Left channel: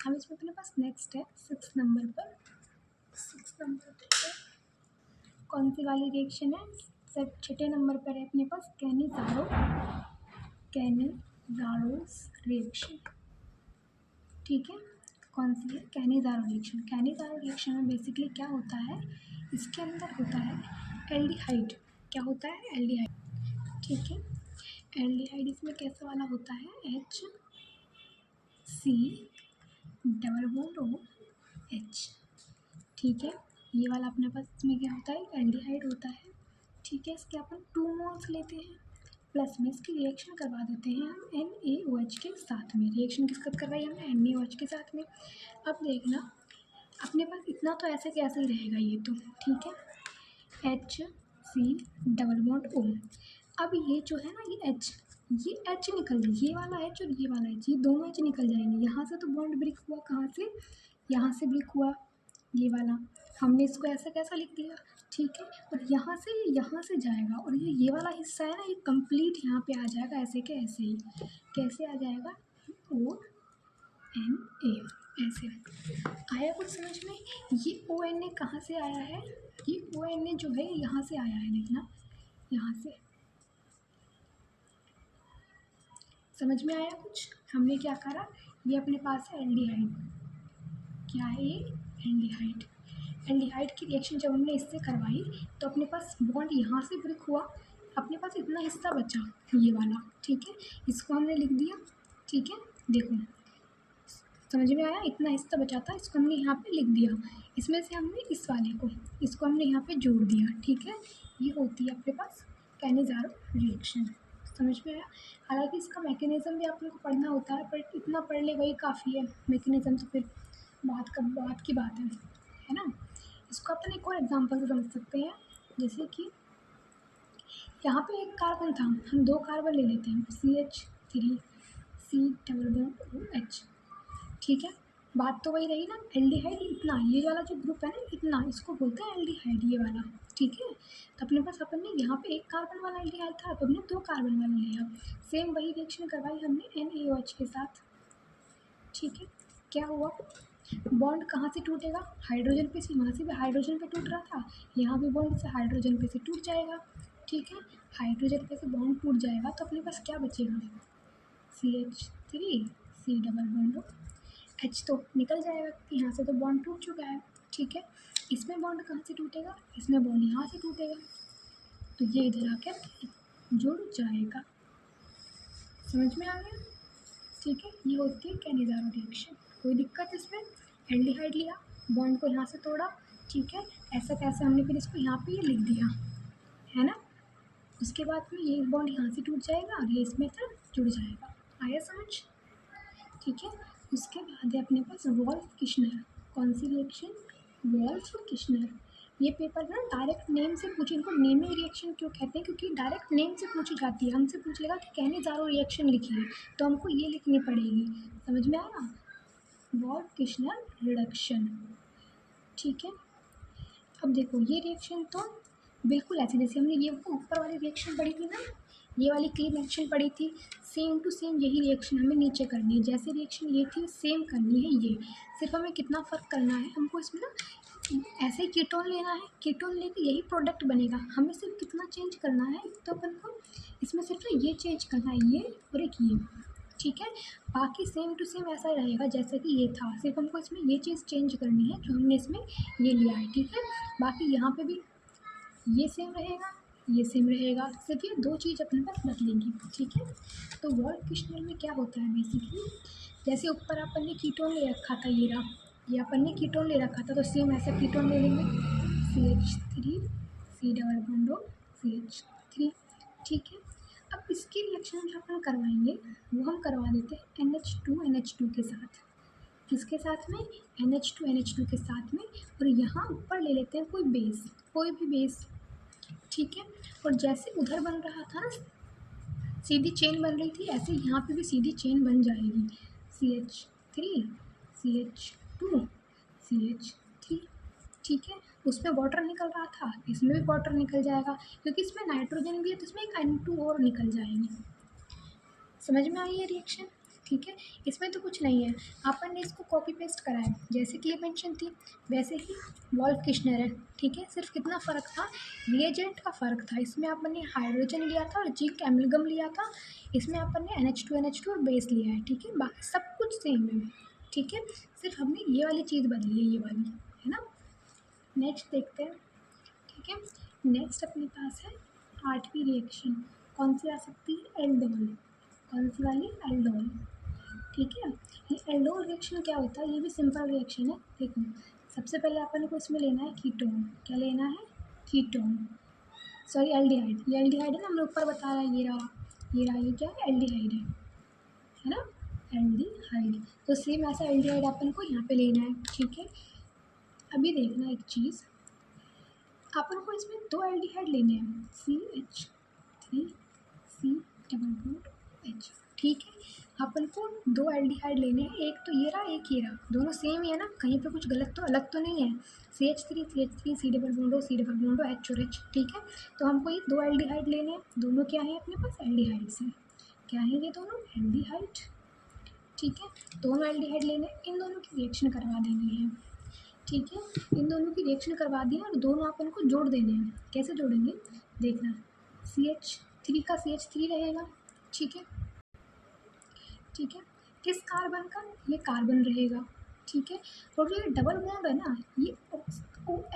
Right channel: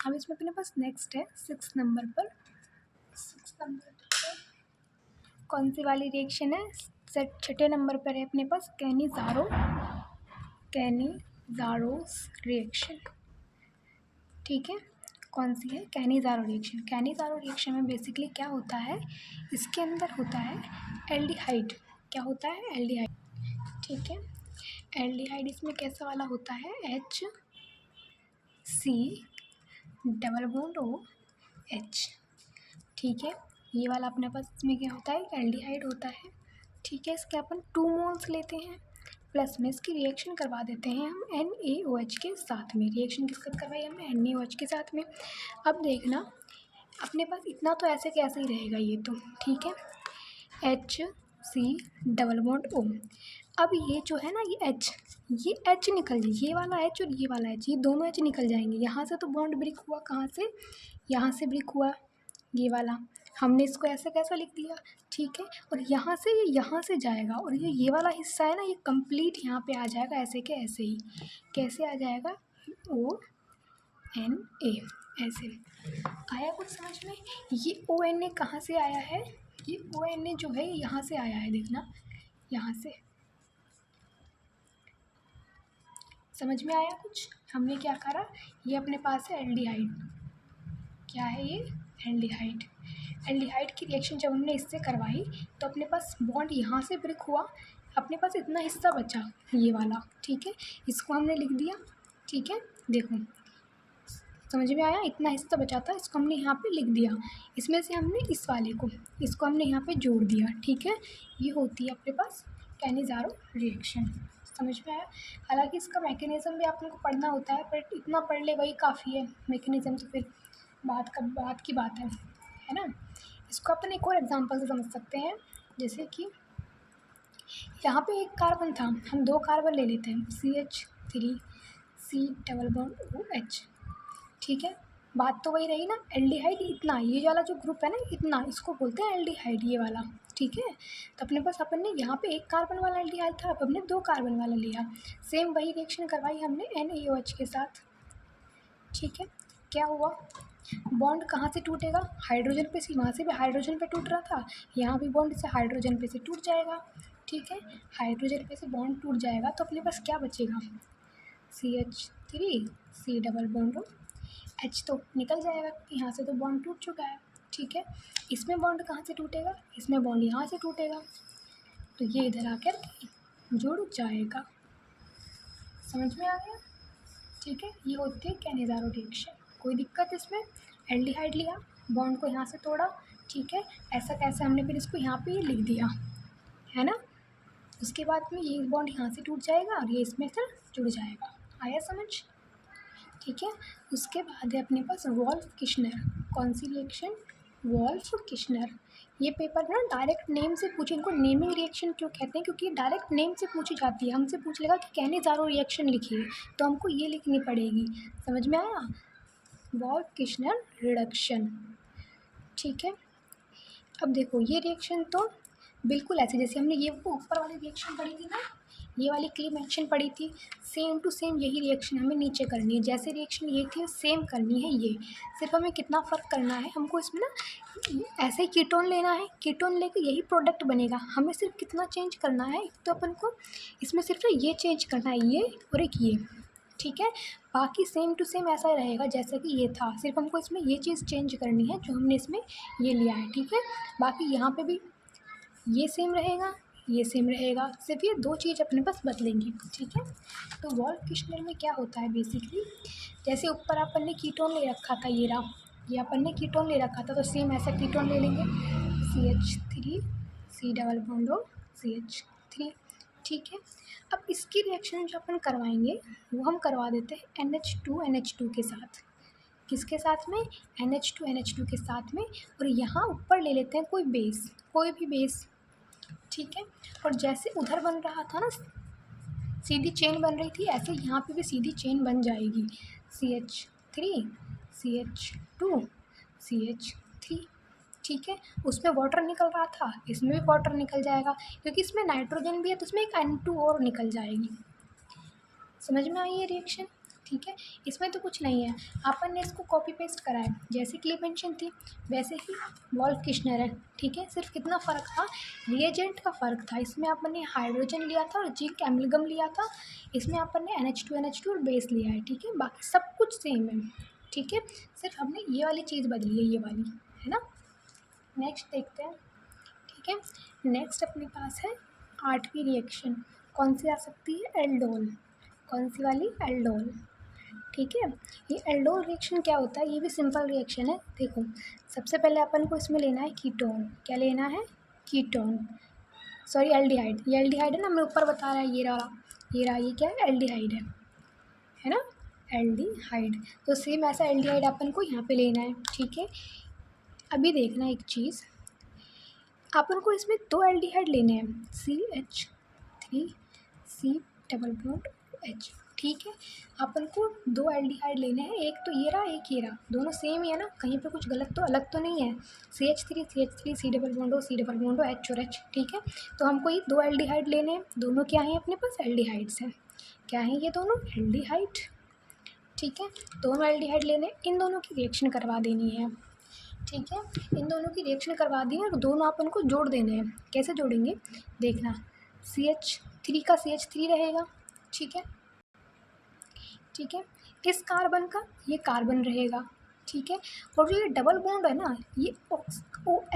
अब इसमें अपने पास नेक्स्ट है 6 नंबर पर। 6 नंबर पर कौन सी वाली रिएक्शन है? छठे नंबर पर है अपने पास कैनिज़ारोस रिएक्शन। ठीक है, कौन सी है? Cannizzaro reaction. कैनिज़ारो रिएक्शन में बेसिकली क्या होता है, इसके अंदर होता है एल्डिहाइड। क्या होता है? एल्डिहाइड। ठीक है, एल्डिहाइड इसमें कैसा वाला होता है? H C double bond O H। ठीक है, ये वाला अपने पास इसमें क्या होता है? एल्डिहाइड होता है। ठीक है, इसके अपन 2 मोल्स लेते हैं, प्लस में इसकी रिएक्शन करवा देते हैं हम NaOH के साथ में। रिएक्शन किसके साथ करवाई हमने? NaOH के साथ में। अब देखना अपने पास इतना तो ऐसे कैसे ही रहेगा ये तो। ठीक है, H C double bond O। अब ये जो है ना ये H निकल जाए, ये वाला H और ये वाला H, ये दोनों H निकल जाएंगे। यहाँ से तो बॉन्ड ब्रेक हुआ, कहाँ से? यहाँ से ब्रेक हुआ, ये वाला। हमने इसको ऐसा कैसा लिख दिया। ठीक है, और यहाँ से ये यहाँ से जाएगा और ये वाला हिस्सा है ना, ये कंप्लीट यहाँ पे आ जाएगा ऐसे के ऐसे ही। कैसे आ जाएगा? ONA ऐसे। आया कुछ समझ में? ये ONA कहाँ से आया है? ये ONA जो है यहाँ से आया है, देखना यहाँ से। समझ में आया कुछ? हमने क्या करा, ये अपने पास है एल्डिहाइड। क्या है ये? एल्डिहाइड। एल्डिहाइड की रिएक्शन जब हमने इससे करवाई तो अपने पास बॉन्ड यहाँ से ब्रेक हुआ, अपने पास इतना हिस्सा बचा ये वाला। ठीक है, इसको हमने लिख दिया। ठीक है, देखो समझ में आया? इतना हिस्सा बचा था, इसको हमने यहाँ पे लिख दिया। इसमें से हमने इस वाले को, इसको हमने यहाँ पे जोड़ दिया। ठीक है, ये होती है अपने पास कैनिज़ारो रिएक्शन। समझ में आया? हालांकि इसका मैकेनिज़्म भी आप लोगों को पढ़ना होता है, बट इतना पढ़ ले वही काफ़ी है। मैकेनिज़्म तो फिर बात की बात है ना। इसको अपन एक और एग्जांपल से समझ सकते हैं, जैसे कि यहाँ पे एक कार्बन था, हम 2 कार्बन ले लेते हैं, CH3 C double bond OH। ठीक है, बात तो वही रही ना, एल्डिहाइड इतना, ये वाला जो ग्रुप है ना इतना, इसको बोलते हैं एल्डिहाइड, ये वाला। ठीक है, तो अपने पास अपन ने यहाँ पे 1 कार्बन वाला एल्डिहाइड था, अब हमने 2 कार्बन वाला लिया। सेम वही रिएक्शन करवाई हमने NaOH के साथ। ठीक है, क्या हुआ? बॉन्ड कहाँ से टूटेगा? हाइड्रोजन पे से, वहाँ से भी हाइड्रोजन पे टूट रहा था, यहाँ भी बॉन्ड से हाइड्रोजन पे से टूट जाएगा। ठीक है, हाइड्रोजन पे से बॉन्ड टूट जाएगा तो अपने पास क्या बचेगा? CH3 C double bond H तो निकल जाएगा, यहाँ से तो बॉन्ड टूट चुका है। ठीक है, इसमें बॉन्ड कहाँ से टूटेगा? इसमें बॉन्ड यहाँ से टूटेगा, तो ये इधर आकर जुड़ जाएगा। समझ में आ गया? ठीक है, ये होती है कैनिज़ारो रिएक्शन। कोई दिक्कत इसमें? एल्डिहाइड लिया, बॉन्ड को यहाँ से तोड़ा। ठीक है, ऐसा कैसे हमने फिर इसको यहाँ पे लिख दिया, है ना। उसके बाद में ये बॉन्ड यहाँ से टूट जाएगा और ये इसमें फिर जुड़ जाएगा। आया समझ? ठीक है, उसके बाद है अपने पास वोल्फ किश्नर। कौन सी रिएक्शन? Wolff Kishner. ये पेपर ना डायरेक्ट नेम से पूछे, इनको नेमिंग रिएक्शन क्यों कहते हैं? क्योंकि डायरेक्ट नेम से पूछी जाती है। हमसे पूछ लेगा कि कैनिज़ारो रिएक्शन लिखिए, तो हमको ये लिखनी पड़ेगी। समझ में आया? Wolff Kishner reduction. ठीक है, अब देखो ये रिएक्शन तो बिल्कुल ऐसे जैसे हमने ये ऊपर वाली रिएक्शन पढ़ी थी ना, ये वाली क्लीन रिएक्शन पढ़ी थी, सेम टू सेम यही रिएक्शन हमें नीचे करनी है। जैसे रिएक्शन ये थी सेम करनी है ये, सिर्फ हमें कितना फ़र्क करना है, हमको इसमें ना ऐसे ही कीटोन लेना है, कीटोन लेके यही प्रोडक्ट बनेगा। हमें सिर्फ कितना चेंज करना है, तो अपन को इसमें सिर्फ ये चेंज करना है, ये और एक ये। ठीक है, बाकी सेम टू सेम ऐसा रहेगा जैसे कि ये था, सिर्फ हमको इसमें ये चीज़ चेंज करनी है जो हमने इसमें ये लिया है। ठीक है, बाकी यहाँ पे भी ये सेम रहेगा, ये सेम रहेगा, सिर्फ ये 2 चीज़ अपने पास बदलेंगी। ठीक है, तो वोल्फ किश्नर में क्या होता है बेसिकली, जैसे ऊपर अपन ने कीटोन ले रखा था, ये रहा, ये अपन ने कीटोन ले रखा था, तो सेम ऐसा कीटोन ले लेंगे, CH3 C double bond CH3। ठीक है, अब इसकी रिएक्शन जो अपन करवाएंगे वो हम करवा देते हैं NH2 के साथ। किसके साथ में? NH2 के साथ में। और यहाँ ऊपर ले लेते हैं कोई बेस, कोई भी बेस। ठीक है, और जैसे उधर बन रहा था ना, सीधी चेन बन रही थी, ऐसे यहाँ पे भी सीधी चेन बन जाएगी, CH3 CH2 CH3। ठीक है, उसमें वाटर निकल रहा था, इसमें भी वाटर निकल जाएगा, क्योंकि इसमें नाइट्रोजन भी है तो इसमें एक N2 और निकल जाएगी। समझ में आई ये रिएक्शन? ठीक है, इसमें तो कुछ नहीं है, अपन ने इसको कॉपी पेस्ट करा है, जैसे क्लीमेंशन थी वैसे ही वॉल्फ किश्नर है। ठीक है, सिर्फ कितना फ़र्क था, रिएजेंट का फ़र्क था। इसमें अपन ने हाइड्रोजन लिया था और जिंक एमलगम लिया था, इसमें अपन ने NH2 और बेस लिया है। ठीक है, बाकी सब कुछ सेम है। ठीक है, सिर्फ हमने ये वाली चीज़ बदली है, ये वाली, है ना। नेक्स्ट देखते हैं। ठीक है, नेक्स्ट अपने पास है 8वीं रिएक्शन, कौन सी आ सकती है, एल्डोल। कौन सी वाली, एल्डोल। ठीक है, ये एल्डोल रिएक्शन क्या होता है, ये भी सिंपल रिएक्शन है। देखो, सबसे पहले अपन को इसमें लेना है कीटोन। क्या लेना है, कीटोन, सॉरी एल्डिहाइड। ये एल्डिहाइड है ना, मैं ऊपर बता रहा है, ये रहा, ये रहा, ये क्या है, एल्डिहाइड है ना, एल्डिहाइड। तो सेम ऐसा एल्डिहाइड अपन को यहाँ पे लेना है। ठीक है, अभी देखना एक चीज़, अपन को इसमें 2 एल्डिहाइड लेने हैं, CH3C डबल बॉन्ड H। ठीक है, अपन को 2 एल्डिहाइड लेने हैं, एक तो ये रहा, एक ये रहा, दोनों सेम ही है ना, कहीं पे कुछ गलत तो अलग तो नहीं है। CH3 C double bond H और H। ठीक है, तो हमको ये 2 एल्डिहाइड लेने हैं, दोनों क्या हैं अपने पास, एल्डिहाइड्स हैं। क्या हैं ये दोनों, एल्डिहाइड। ठीक है, दोनों एल्डिहाइड लेने, इन दोनों की रिएक्शन करवा देनी है। ठीक है, इन दोनों की रिएक्शन करवा दी है और दोनों अपन को जोड़ देने हैं। कैसे जोड़ेंगे, देखना, CH3 का CH3 रहेगा। ठीक है, ठीक है, इस कार्बन का ये कार्बन रहेगा। ठीक है, और जो ये डबल बॉन्ड है ना, ये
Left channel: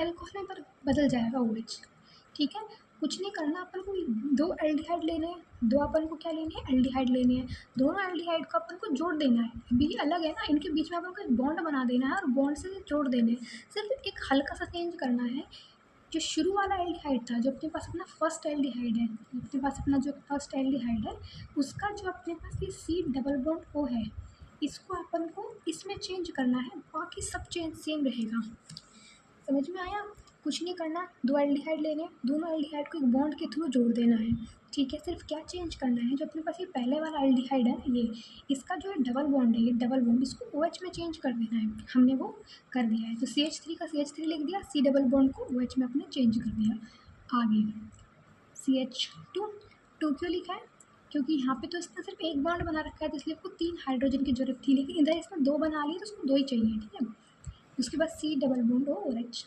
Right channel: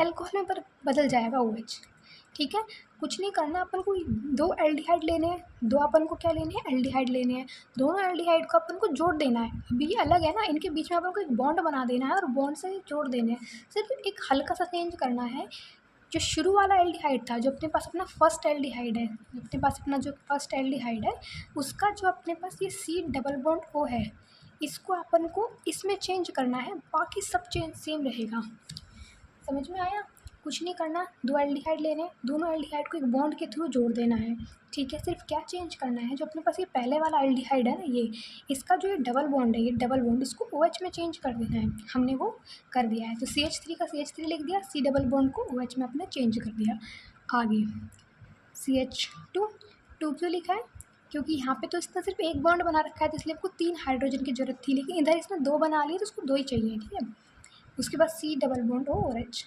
एल्कोहल में बदल जाएगा, OH। ठीक है, कुछ नहीं करना, अपन को 2 एल्डिहाइड लेने हैं, 2 अपन को क्या लेने हैं, एल्डिहाइड लेने हैं, दोनों एल्डिहाइड को अपन को जोड़ देना है। अभी ये अलग है ना, इनके बीच में अपन को एक बॉन्ड बना देना है और बॉन्ड से जोड़ देने हैं। सिर्फ एक हल्का सा चेंज करना है, जो शुरू वाला एल्डिहाइड था, जो अपने पास अपना फर्स्ट एल्डिहाइड है, अपने पास अपना जो फर्स्ट एल्डिहाइड है, उसका जो अपने पास ये C डबल बॉन्ड O है, इसको अपन को इसमें चेंज करना है, बाकी सब चेंज सेम रहेगा। समझ में आया, कुछ नहीं करना, 2 एल्डिहाइड लेने, दोनों एल्डिहाइड को एक बॉन्ड के थ्रू जोड़ देना है। ठीक है, सिर्फ क्या चेंज करना है, जो अपने पास ये पहले वाला एल्डिहाइड है ना, ये इसका जो ये डबल बॉन्ड है, ये डबल बॉन्ड इसको OH में चेंज कर देना है। हमने वो कर दिया है, तो CH3 का CH3 लिख दिया, C डबल बॉन्ड को OH में अपने चेंज कर दिया। आगे CH2 क्यों लिखा है, क्योंकि यहाँ पे तो इसने सिर्फ एक बॉन्ड बना रखा है, तो इसलिए आपको 3 हाइड्रोजन की जरूरत थी, लेकिन इधर इसने 2 बना लिए, तो उसको 2 ही चाहिए। ठीक है, उसके बाद C डबल बॉन्ड O और H।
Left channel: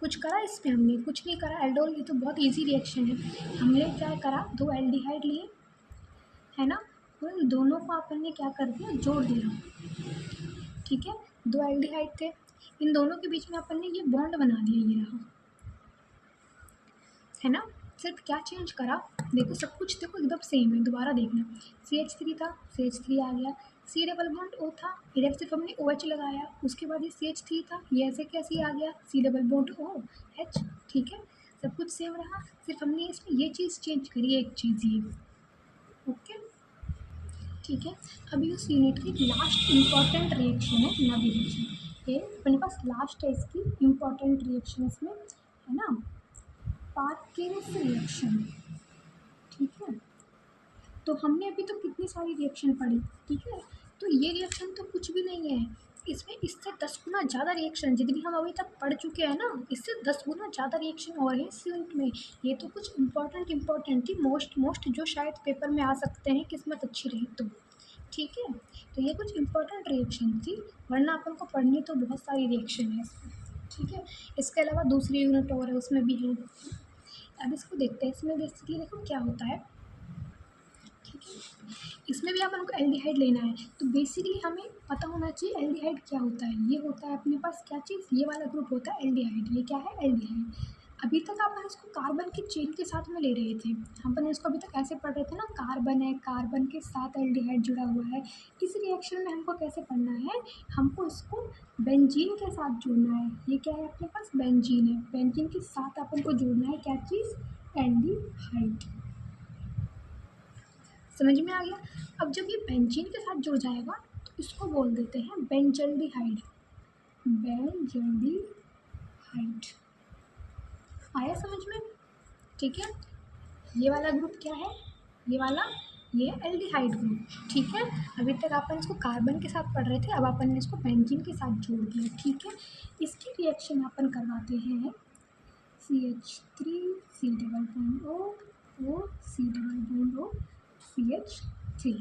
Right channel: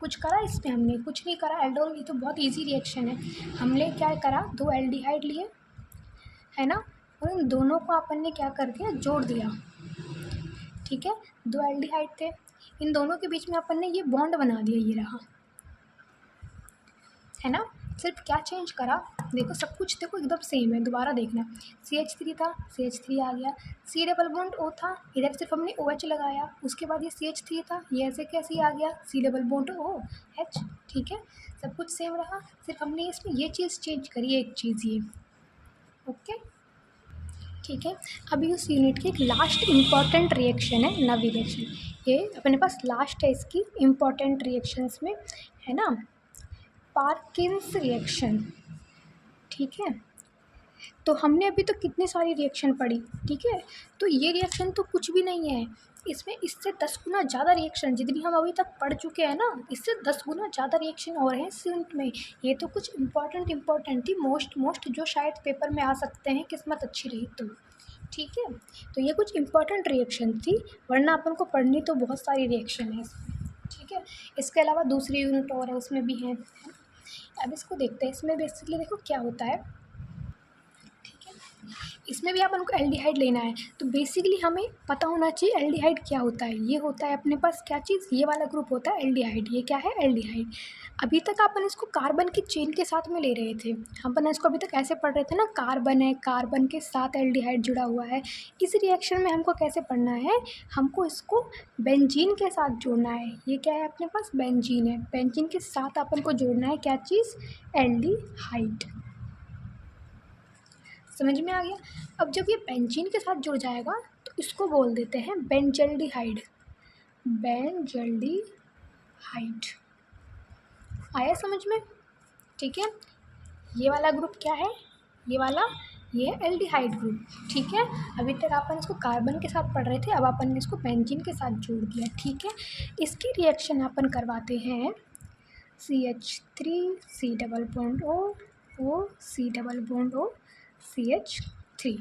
कुछ करा इसमें, हमने कुछ नहीं करा, एल्डोल, ये तो बहुत इजी रिएक्शन है। हमने क्या करा, 2 एल्डिहाइड लिए, है ना, और इन दोनों को अपन ने क्या कर दिया, जोड़ दिया। ठीक है, 2 एल्डिहाइड थे, इन दोनों के बीच में अपन ने ये बॉन्ड बना दिया, ये रहा, है ना। सिर्फ क्या चेंज करा, देखो सब कुछ देखो एकदम सेम है, दोबारा देखना, CH3 था, CH3 आ गया, C डबल बॉन्ड O था, इधर सिर्फ हमने OH लगाया, उसके बाद ये CH3 था, ये ऐसे कैसे आ गया, C डबल बॉन्ड OH। ठीक है, सब कुछ सेम रहा, सिर्फ हमने इसमें ये चीज़ चेंज करी, एक चीज़ ये। ओके, ठीक है, अभी उस यूनिट की एक लास्ट इम्पॉर्टेंट रिएक्शन है, नवी रिएक्शन, ये अपने पास लास्ट है इसकी इम्पॉर्टेंट रिएक्शंस में, है ना, पार्किंस रिएक्शन। ठीक है, तो हमने अभी तो कितनी सारी रिएक्शन पढ़ी। ठीक है, तो ये रिएक्शन तो कुछ भी नहीं है, इसमें इससे 10 गुना ज़्यादा रिएक्शन, जितनी हम अभी तक पढ़ चुके हैं ना, इससे 10 गुना ज़्यादा रिएक्शन और हैं इस यूनिट में। ये तो कुछ इम्पॉर्टेंट थी, मोस्ट जो शायद पेपर में आ सकते हैं, किस्मत अच्छी रही तो। ठीक है, तो ये कुछ इम्पॉर्टेंट रिएक्शन थी, वरना अपन को पढ़नी तो बहुत सारी रिएक्शन है इसमें। ठीक है, इसके अलावा दूसरी यूनिट और है, उसमें भी हैं। अब इसको देखते हैं, इसमें बेसिकली देखो क्या होता है। ठीक है, इसमें भी अपन को एल्डिहाइड लेना है, तो बेसिकली हमें पता होना चाहिए एल्डिहाइड क्या होता है। ये होता है अपने पास क्या चीज़, ये वाला ग्रुप होता है एल्डिहाइड। ये क्या है, एल्डिहाइड। अभी तक अपन इसको कार्बन की चेन के साथ में ले रहे थे, अपन इसको अभी तक ऐसे पढ़ रहे थे ना, कार्बन है, कार्बन के साथ एल्डिहाइड जुड़ा हुआ है। इस रिएक्शन में हमको कैसे पढ़ना है, हमको इसको बेंजीन के साथ जोड़ना है। ये क्या है अपने पास, बेंजीन है, बेंजीन के साथ अपन को जोड़ना है क्या चीज़, एल्डिहाइड। समझ में आ गया। अब जब ये बेंजीन के साथ जुड़ जाएगा तो इसको बोल देते हैं बेंजल्डिहाइड। बेंजल्डिहाइड आया समझ में। ठीक है, ये वाला ग्रुप क्या है, ये वाला, ये है एल्डिहाइड ग्रुप। ठीक है, अभी तक अपन इसको कार्बन के साथ पढ़ रहे थे, अब अपन ने इसको बेंजीन के साथ जोड़ दिया। ठीक है, इसकी रिएक्शन अपन करवाते हैं CH3 C double bond O, C double bond O, CH 3।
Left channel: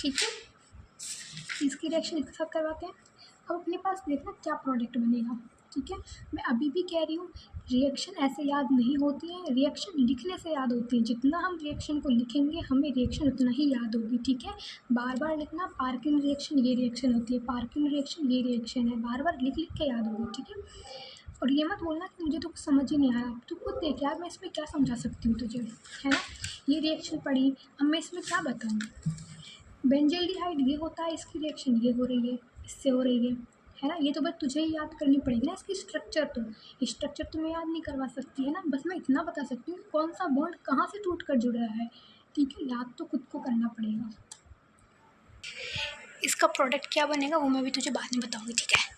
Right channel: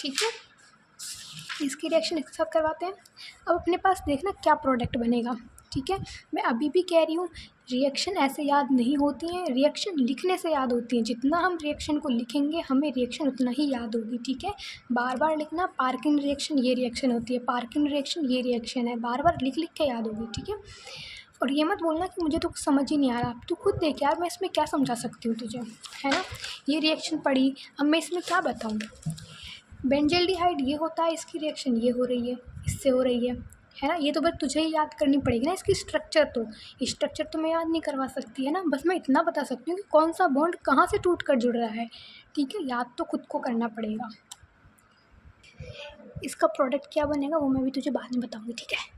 ठीक है, इसकी रिएक्शन एक साथ करवाते हैं। अब अपने पास देखना क्या प्रोडक्ट बनेगा। ठीक है, मैं अभी भी कह रही हूँ रिएक्शन ऐसे याद नहीं होती हैं, रिएक्शन लिखने से याद होती हैं। जितना हम रिएक्शन को लिखेंगे हमें रिएक्शन उतना ही याद होगी। ठीक है, बार बार लिखना, पार्किन रिएक्शन ये रिएक्शन होती है, पार्किन रिएक्शन ये रिएक्शन है, बार बार लिख लिख के याद होगी। ठीक है, और ये मत बोलना कि मुझे तो कुछ समझ ही नहीं आ रहा। तू खुद देख यार, मैं इसमें क्या समझा सकती हूँ तुझे, है ना। ये रिएक्शन पढ़ी, अब मैं इसमें क्या बताऊँ। बेंजल्डिहाइड ये होता है, इसकी रिएक्शन ये हो रही है, इससे हो रही है ना। ये तो बस तुझे ही याद करनी पड़ेगी ना, इसकी स्ट्रक्चर तो मैं याद नहीं करवा सकती, है ना। बस मैं इतना बता सकती हूँ कि कौन सा बॉन्ड कहाँ से टूट कर जुड़ रहा है। ठीक है, याद तो खुद को करना पड़ेगा। इसका प्रोडक्ट क्या बनेगा वो मैं भी तुझे बाद में बताऊँगी। ठीक है।